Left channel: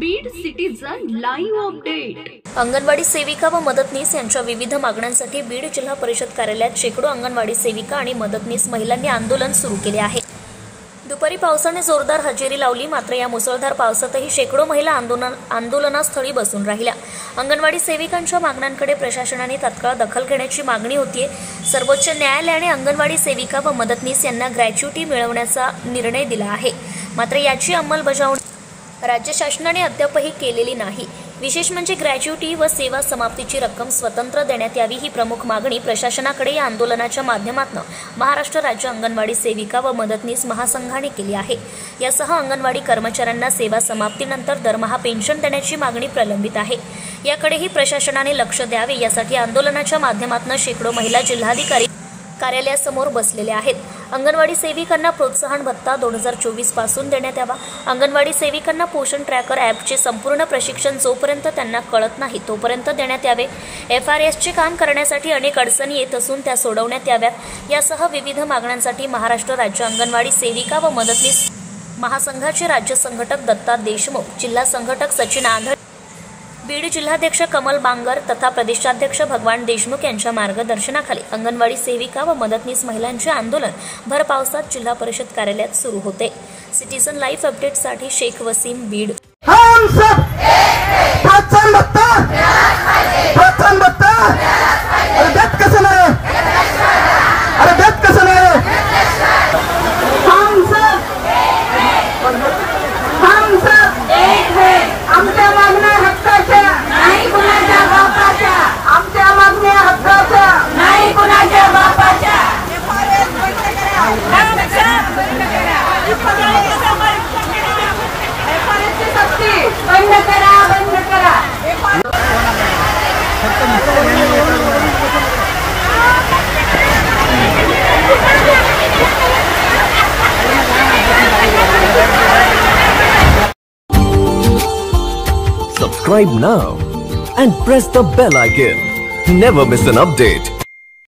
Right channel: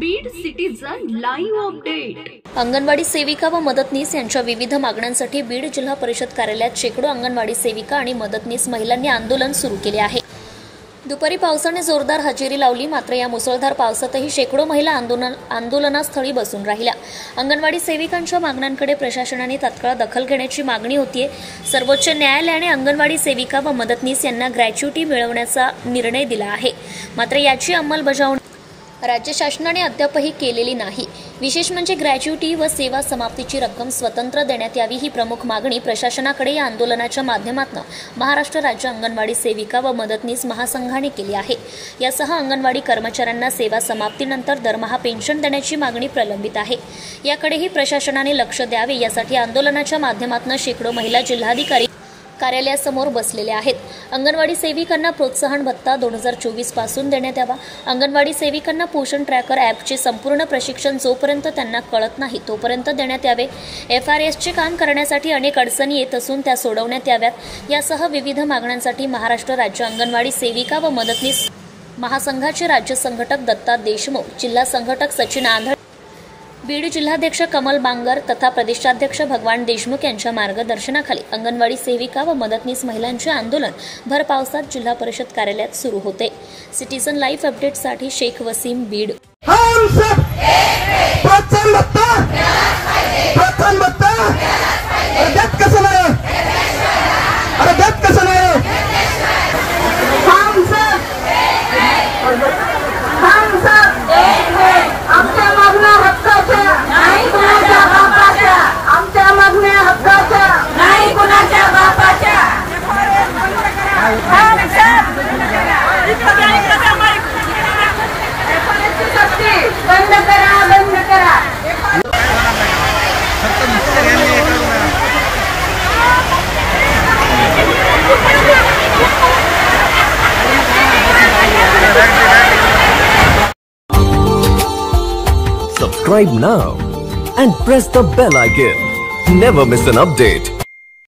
Beed citizen live update. Anganwadi सेविका व मदतनीस यांच्या विविध मागण्यांसाठी बीड जिल्हा परिषद कार्यालयात शेकडो अंगणवाडी सेविका आणि मदतनीस महिलांनी आंदोलन सुरू केले आहे। दुपारी पावसाने जोरदार हजेरी लावली, मात्र या मुसळधार पावसातही शेकडो महिला आंदोलनास्थळी बसून राहिल्या। अंगणवाडी सेविकांच्या मागण्यांकडे प्रशासनाने तात्काळ दखल घेण्याची मागणी होतीये। सर्वोच्च न्यायालयाने अंगणवाडी सेविका व मदतनीस यांना ग्रॅच्युटी मिळवण्याचा निर्णय दिला आहे, मात्र याची अंमलबजावणी राज्य शासनाने अद्यापही केलेली नाही। विशेष म्हणजे ग्रॅच्युटी व सेवा समाप्तीची रक्कम स्वतंत्र देण्यात यावी ही प्रमुख मागणी प्रशासनाकडे या आंदोलनाच्या माध्यमातून महाराष्ट्र राज्य अंगणवाडी सेविका व मदतनीस महासंघाने केली आहे। यासह अंगणवाडी कर्मचाऱ्यांना सेवा समाप्तीनंतर दरमहा पेन्शन देण्याची मागणी प्रलंबित आहे। याकडेही प्रशासनाने लक्ष द्यावे, यासाठी आंदोलनाच्या माध्यमातून शेकडो महिला जिल्हाधिकारी कार्यालयासमोर बसलेले आहेत। अंगणवाडी सेविकांना प्रोत्साहन भत्ता 2024 पासून देण्यात यावा। अंगणवाडी सेविकांना पोषण ट्रॅकर ॲपचे संपूर्ण प्रशिक्षण जोपर्यंत त्यांना कळत नाही तोपर्यंत देण्यात यावे। FRSचे काम करण्यासाठी अनेक अडचणी येत असून त्या सोडवण्यात याव्यात। यासह विविध मागण्यांसाठी महाराष्ट्र राज्य अंगणवाडी सेविका व मदतनीस महासंघाचे राज्य संघटक दत्ता देशमुख, जिल्हा संघटक सचिन आंधळे, बीड जिल्हाध्यक्ष कमल बांगर तथा प्रदेशाध्यक्ष भगवान देशमुख यांच्या मार्गदर्शनाखाली अंगणवाडी सेविका व मदतनीस महिलांचे आंदोलन भर पावसात जिल्हा परिषद कार्यालयात सुरू होते। सिटीजन लाईव्ह अपडेटसाठी शेख वसीम, बीड। बंद करा, बंद करा। Subscribe now and press the bell icon. Never miss an update.